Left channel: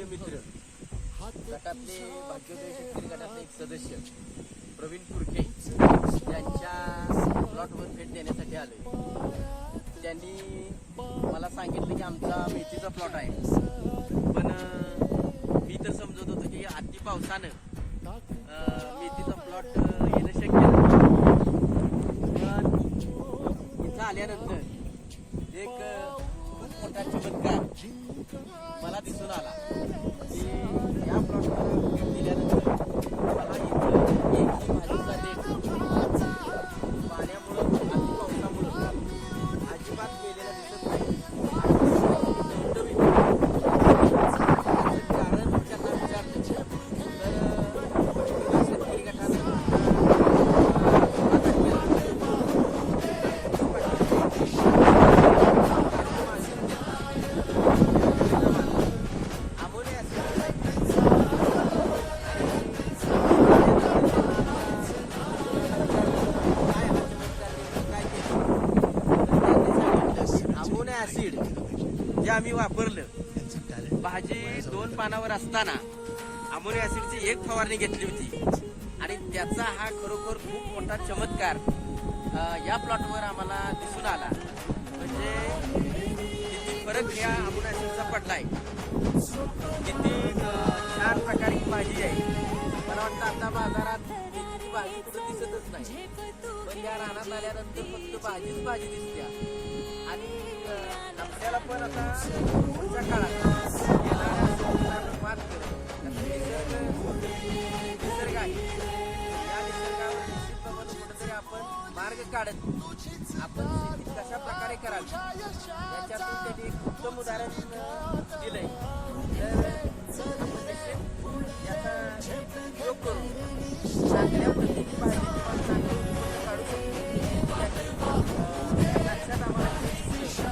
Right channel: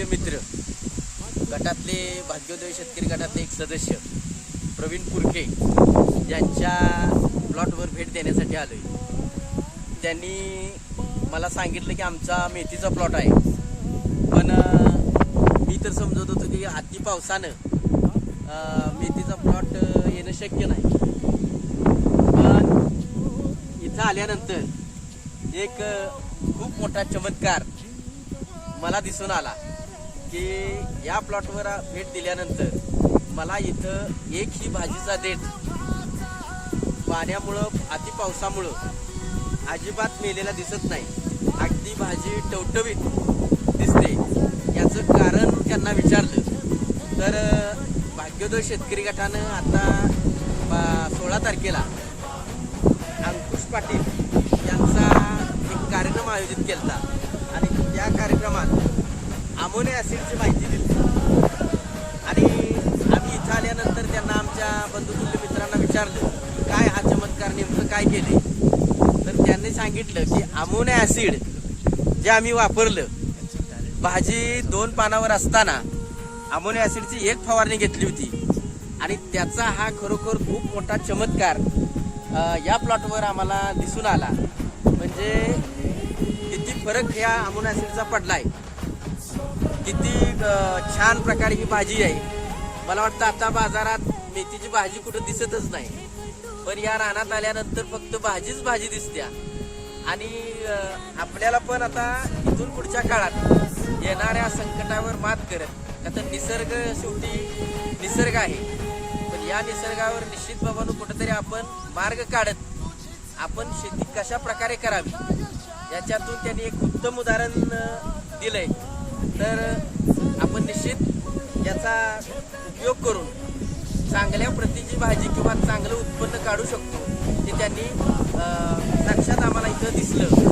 बंधुतुल्य मित्र गटातले भाग्योदय शेतकरी गटातले एक सदस्य प्रवीण पुरके यांच्या प्लॉटवर भेट देण्यासाठी आलोय. त्यांनी मला सांगितलं की आमचा मेथीचा प्लॉट आहे. पण मी तर समजत होतो की अति पावसानं मेथीचा प्लॉट येणं शक्य नाही. पण इथं आल्यानंतर एक खूप मोठा चमत्कार मला दिसून आला की या प्लॉटवर भेट दिल्यानंतर मला इथं एकही भाजीचा देठ पाण्यामुळं अति पावसामुळं अजिबात मेलेला दिसत नाही. अगदी भाजी टवटवीत दिसते. याचं कारण त्यांना विचारलं. तर भाग्योदय शेतकरी गटानं आता सोळा तारखेला अंकुश पाटील यांचा एक कार्यक्रम आयोजित केला. काय केले तर त्यांनी सांगितलं की अमोनिया ॲसिड जे आम्ही वापरलं भाजी दोन पानावर असताना अमोनिया ॲसिडची एक फवारणी घेतली होती. आणि त्याचा हा खरोखर खूप मोठा चमत्कार या प्लॉटवर आम्हाला दिसून आला. म्हणजे किती फरक ह्या अमोनिया ॲसिडचा पडलाय. किती छान प्रकारे ही भाजी आहे. मला वाटतं आता बाजारात मेथीची भाजी कुठं दिसतच नाही. पण या रानात आल्यानंतर फक्त भाजीच भाजी दिसत्या. आणि आपल्याला पण आता इथून पुढच्या काळात येणाऱ्या संकटावर मात करत आता निसर्ग शेवटी निसर्ग आहे. पण या निसर्गावर निश्चित बाबांनो कुठेतरी आपण मार्ग काढत आपण शेती कशा प्रकारे करावी याच्यातून त्यांनी एक उत्तम उदाहरण दिलंय. तर आपण भाजी किंवा चांगलं उत्पन्न काढू शकतो ते त्यांनी नक्षात साक्षात आम्हाला इथं दिसलं.